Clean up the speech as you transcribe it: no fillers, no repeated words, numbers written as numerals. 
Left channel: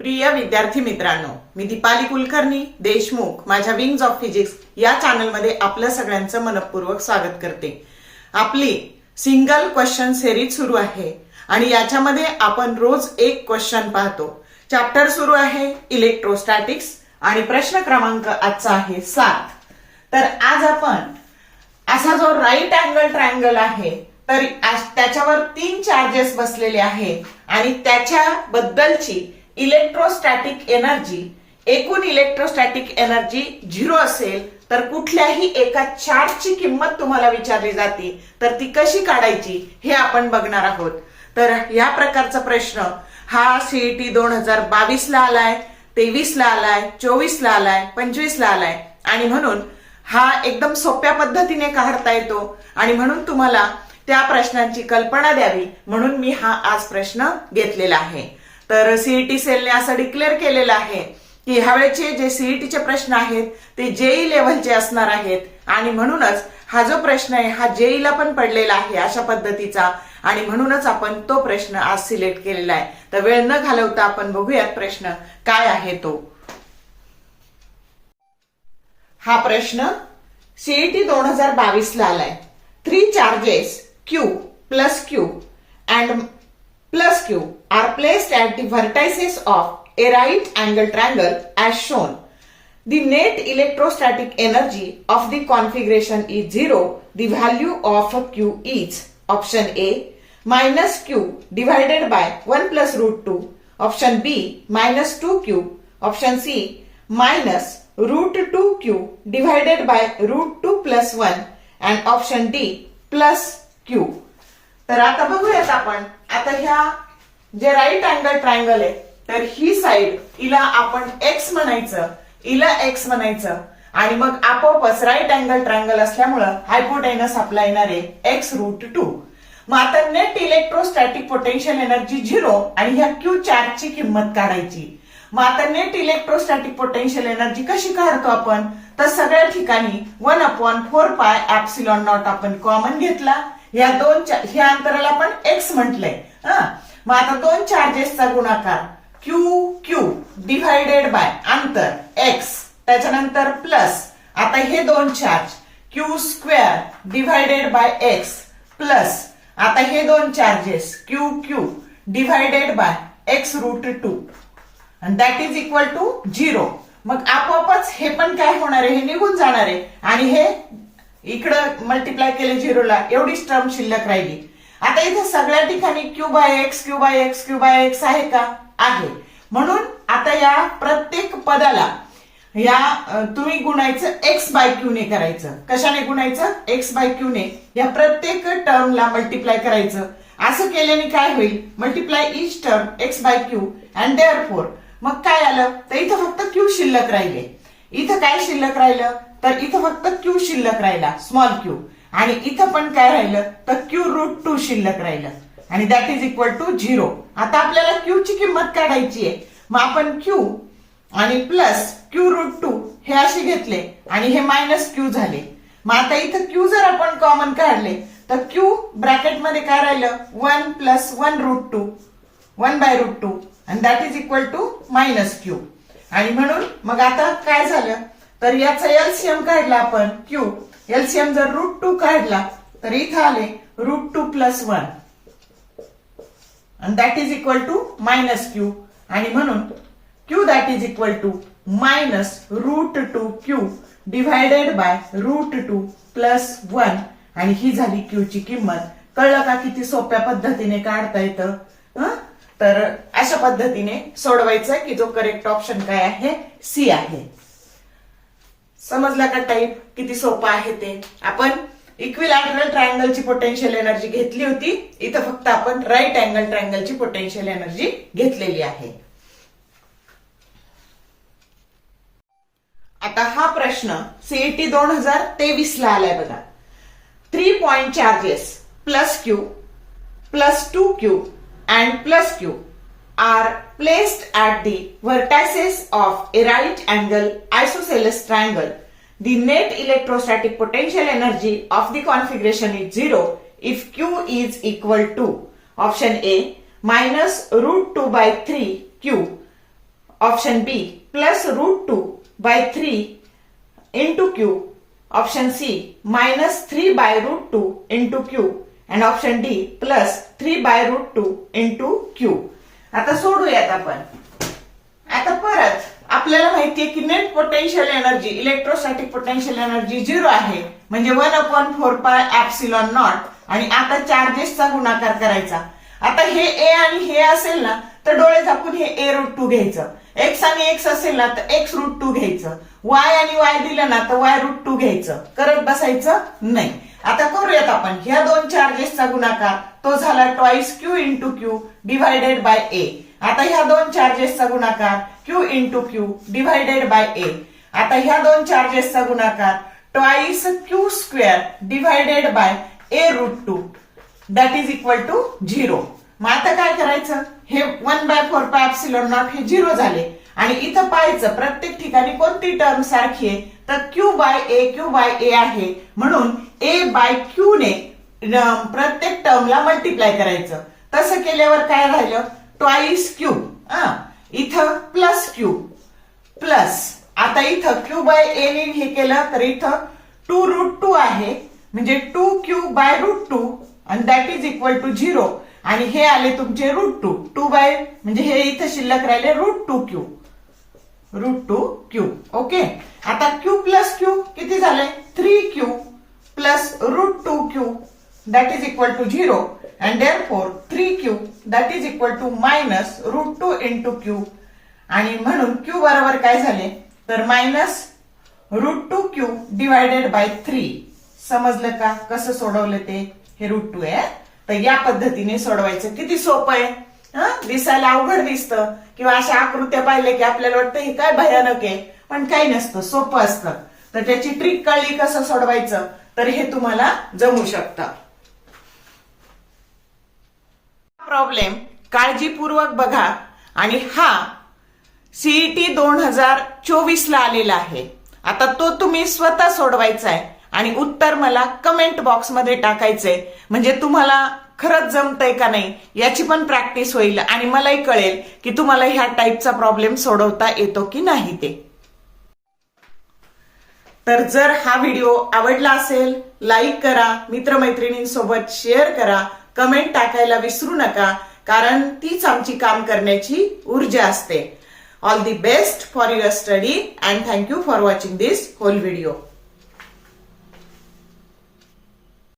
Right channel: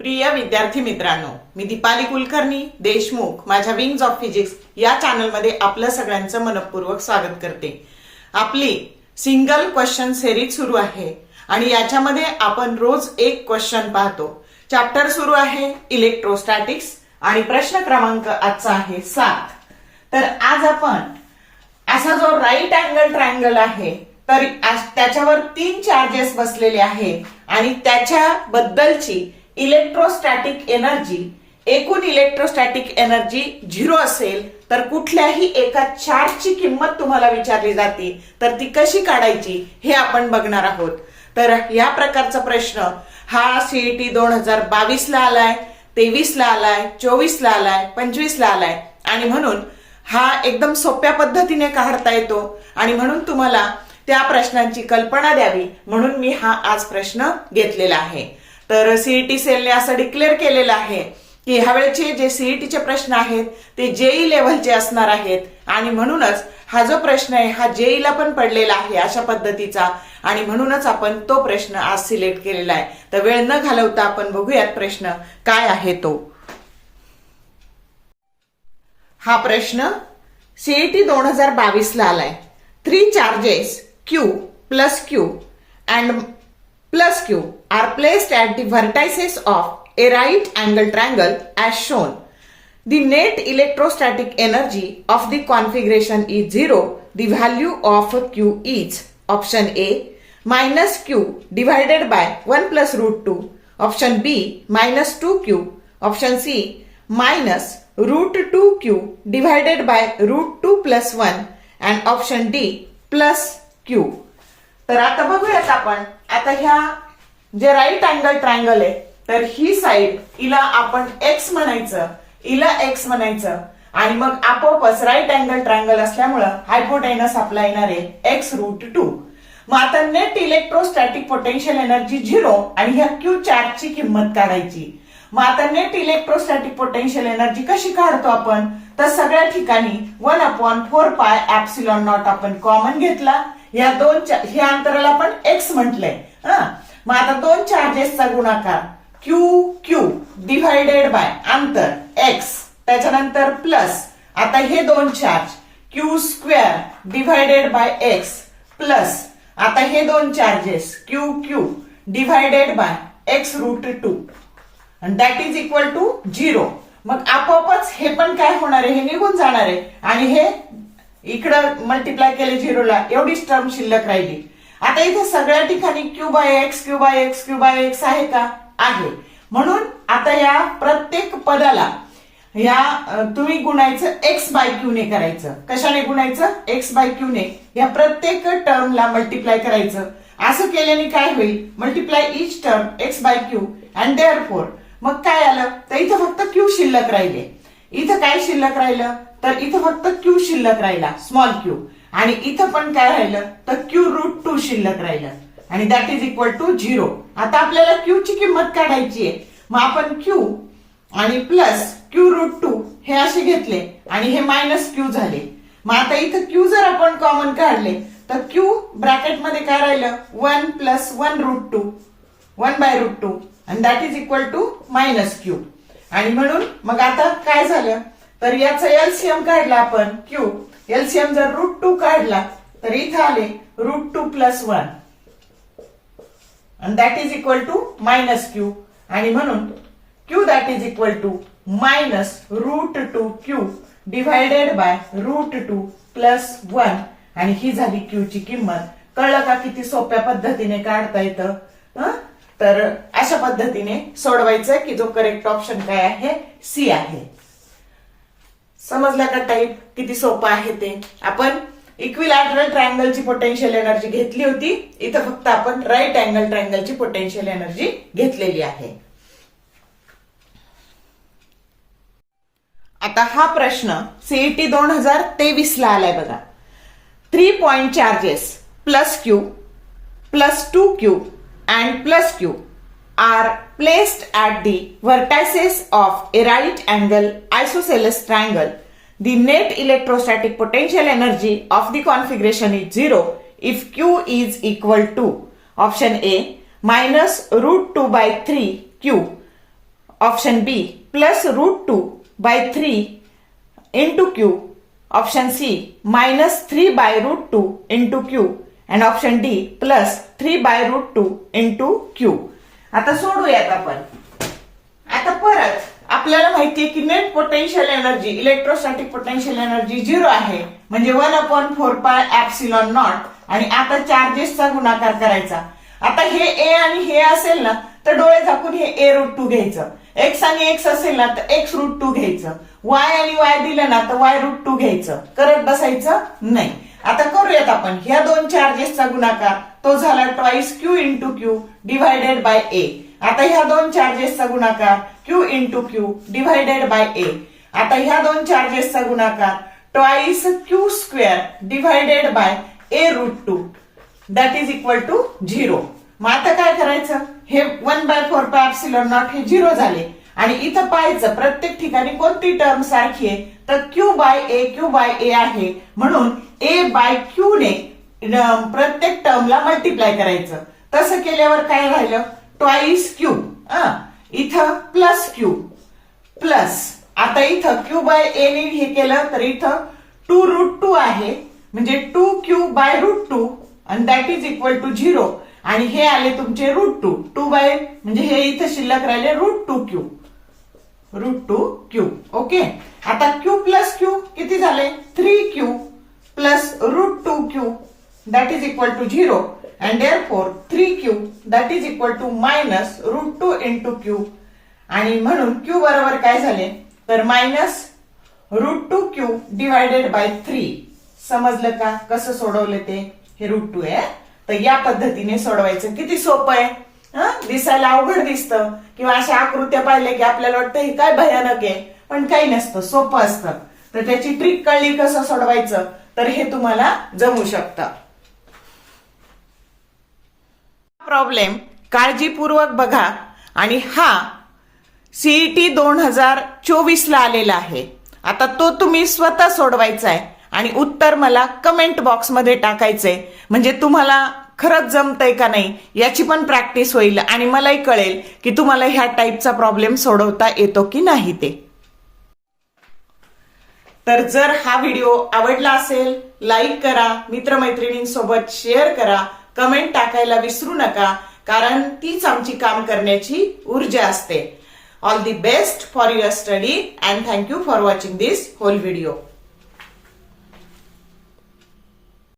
प्रिय विद्यार्थी मित्रांनो, मी दीपाली कुलकर्णी देशमुख माझ्या विंग्स ऑफ फिजिक्स या चॅनलमध्ये आपल्या सगळ्यांचं मनपूर्वक स्वागत करते। आपली सिंगल क्वेश्चन सिरीज सुरू आहे आणि याच्यामध्ये आपण रोज एक क्वेश्चन पाहतो। चॅप्टर सुरू आहे इलेक्ट्रोस्टॅटिक्स आणि प्रश्न क्रमांक आजचा आहे 7। तर आज आपण असा जो राईट अँगल ट्रायंगल आहे तर त्याच्यावर 3 चार्जेस बसलेले आहेत आणि त्याच्याबद्दलची इलेक्ट्रोस्टॅटिक एनर्जी, एकूण इलेक्ट्रोस्टॅटिक एनर्जी 0 असेल तर कुठल्याही एका चार्जची किंमत तुम्हाला विचारली जाते, तर ती कशी काढायची हे आपण बघणार आहोत। तर या प्रकारचा प्रश्न हा सीईटी 2022 ला आलाय, 23 ला आलाय, 24 ला आलाय, 25 ला आलाय आणि म्हणून हा एकदम सोप्या पद्धतीने काढता येतो आणि म्हणून तुम्हाला त्या प्रश्नांची कल्पना द्यावी म्हणून मी हा आज प्रश्न घेतलेला आहे। तर सीईटी सेलने असं डिक्लेअर केलेलं आहे की ह्यावेळेचे जे सीईटीचे प्रश्न आहेत ते जेई लेव्हलचे असणार आहेत आणि म्हणूनच हा जो प्रश्न आहे हा जेईला पण पडलेला आहे अशा पद्धतीचा आणि म्हणूनच आपण तो प्रश्न आज सिलेक्ट केलेला आहे। तर वेळ न घालवता आपण बघूयात प्रश्न काय आहे तो। हा प्रश्न सीईटी 2022 ला आलाय। 3 charges Q plus Q and plus Q are placed at the vertices of a right angle triangle as shown. The net electrostatic energy of the configuration is 0. The value of Q is option A minus Q divided by 1 plus root 2, option B minus 2Q, option C minus root 2Q divided by root 2 plus 1 and option D plus Q. तर आता बघूयात आपण आता ह्या जे right angle triangle आहे तर ही side हिला आपण एक्स म्हणायचं, हिला एक्स म्हणायचं आणि मग आपोआपच राईट अँगल ट्रायंगल असल्यामुळं हायपोटेनस आपला येणार आहे एक्स रूट 2। मग आता नेट इलेक्ट्रोस्टॅटिक पोटेन्शियल एनर्जी 0 आणि ह्या क्यू चार्जची किंमत काढायची। मग आता नेट इलेक्ट्रोस्टॅटिक पोटेन्शियल एनर्जी कशी काढतो आपण, तर सगळ्या ठिकाणी 1/4 पाय एप्सिलॉन नॉट आपण कॉमन घेतला। ह्या अंतराला आपण एक्स म्हटलंय। मग आता 2 चार्जेसचा गुणाकार क्यू क्यू डिव्हायडेड बाय अंतर एक्स, त्याच्यानंतर प्लस आता हे 2 charge Q square divided by X plus आता हे 2 charges Q Q divided by X root 2 आणि दॅट इज इक्वल टू 0। मग आपोआपच हे पण काय होणार आहे, हे निघून जाणार आहे आणि हे इकडं मल्टिप्लाय केले 0 ला, एवढीच टर्म शिल्लक राहिली। आता इथे सगळ्या ठिकाणी Q by X Q by X Q by X आहे का, आहे। म्हणून आता या प्रत्येक पदाला या तुम्ही गुणायचं एक्स बाय क्यू ने करायचं। कशाने गुणायचं, एक्स बाय क्यू ने। या प्रत्येक टर्मला मल्टिप्लाय करायचं। असं केल्याने काय होईल, multiply each term X by Q and therefore मग काय आलं तर इथं फक्त क्यू शिल्लक राहिले। इथं काय शिल्लक राहिलं तर इथं फक्त क्यू शिल्लक राहिला, स्मॉल क्यू, आणि इथं पण काय राहिलं तर क्यू रूट 2 शिल्लक राहिलं आणि दॅट इज इक्वल टू 0। आता आपल्याला क्यू ची किंमत काढायची आहे। मग आपण क्यू आणि प्लस क्यू रूट 2 हे असे घेतले आणि हे मायनस क्यू झाले। मग आता इथं क्यू जर आपण कॉमन काढले तर क्यू ब्रॅकेटमध्ये काय राहिलं 1 प्लस 1 रूट 2 1 बाय रूट 2 आणि that is equal to minus Q. आणि म्हणून मग आता काय झालं तर याचा एलसीएम काढला आपण क्यू, एलसीएम जर रूट 2 काढला तर इथं आले रूट 2 प्लस 1 आणि that is equal to minus Q आणि म्हणून Q that is equal to minus root 2 Q divided by root 2 plus 1 आणि ही झाली क्यू ची किंमत। कळलं का किती सोप्या पद्धतीने काढता येतं। तर अशा पद्धतीने सोडवायचं की जो करेक्ट ऑप्शन काय आहे, सी आहे। समजला का टाईप किती सोपं आहे ते। आपण इक्विलॅटरल ट्रायंगलची पोटेन्शियल एनर्जी घेतली होती, इथं फक्त आपण राईट अँगल ट्रायंगलची पोटेन्शियल एनर्जी घेतलेली आहे। आता हा प्रश्न सीईटी 2023 ला आलाय बघा। 3 point charges plus Q plus 2Q and plus Q are placed at the vertices of a right angle isosceles triangle. The net electrostatic potential energy of the configuration is 0 if Q is equal to option A minus root 2 by 3 Q option B plus √2/3 into Q. Option C minus 3/√2 into Q. And option D plus 3/√2 into Q. आता सोडूयात आपण. आता परत आपल्याला माहितीये की net potential energy, electrostatic potential energy 0 आहे, म्हणजे 1/4πε0. आणि आता चार्जेसचा गुणाकार करायचा. आता हे ए आणि हे असेल ना तर डोळे झाकून हे a√2 घ्यायचं. एक्स आणि एक्स असेल ना तर x√2 घ्यायचं. वाय आणि वाय दिलं ना तर y√2 घ्यायचं. करत बसायचं नाही. आता करूयात आपण. ह्या दोन चार्जेसचा गुणाकार तो झाला twice Q into Q divided by A. आता ह्या दोन चार्जेसचा गुणाकार Q into Q divided by A. आता ह्या दोन चार्जेसचा गुणाकार twice Q² divided by a√2 that is equal to 0. मग आता काय करायचं, हे 1/4πε0 हे 0 झाले आणि इथं पाहायचं प्रत्येक ठिकाणी कोणती टर्म सारखी आहे तर Q/A आहे, म्हणून A/Q ने प्रत्येक टर्मला मल्टिप्लाय करायचं. तसं केल्यावर काय राहिलं ट्वाइस Q, इथं प्लस Q प्लस आता इथं Q/A ने हे केलं तर इथं 2√2 आहे, म्हणजे 2Q/√2 आणि दॅट इज इक्वल टू 0. आणि हे आले तुमचे √2 म्हणजे हे इथं शिल्लक राहिले √2Q. ओके. आता Q प्लस Q किती झाले 3Q plus √2Q that is equal to 0. And therefore 3Q that is equal to minus √2 into Q. आणि म्हणून Q बरोबर काय झाले तर मायनस √2Q डिव्हायडेड बाय 3. समजलं का कसं सोडवलं ते? हे √2 आहे. तर या पद्धतीने सोडवायचं. किती सोपं आहे. दिसायला अवघड दिसतं किंवा अशा आकृत्या पाहिल्या की आपल्याला वाटतं हे काय भयानक आहे, पण काही नसतं, सोपं असतं. तर त्याची ट्रिक कळली कसं सोडवायचं तर हे तुम्हाला जमू शकतं. प्रॉब्लेम काळजीपूर्वक बघा आणि हा सीईटी 2024 ला आलेला आहे. आता तो तुम्ही स्वतः सोडवायचा आहे आणि उत्तर मला कमेंट बॉक्समध्ये टाकायचंय, म्हणजे तुम्हाला खरंच जमतंय का नाही याची पण प्रॅक्टिस होईल आणि मलाही कळेल की तुम्हाला ह्या टाईपचा प्रॉब्लेम सोडवता येतो की नाही ते. तर जर हा व्हिडिओ आवडला असेल लाईक करा, मित्रमैत्रिणींसोबत शेअर करा, कमेंट टाकायला विसरू नका, कारण तीच आमची काम करण्याची ऊर्जा असते. All the best for your study and thank you for watching this whole video.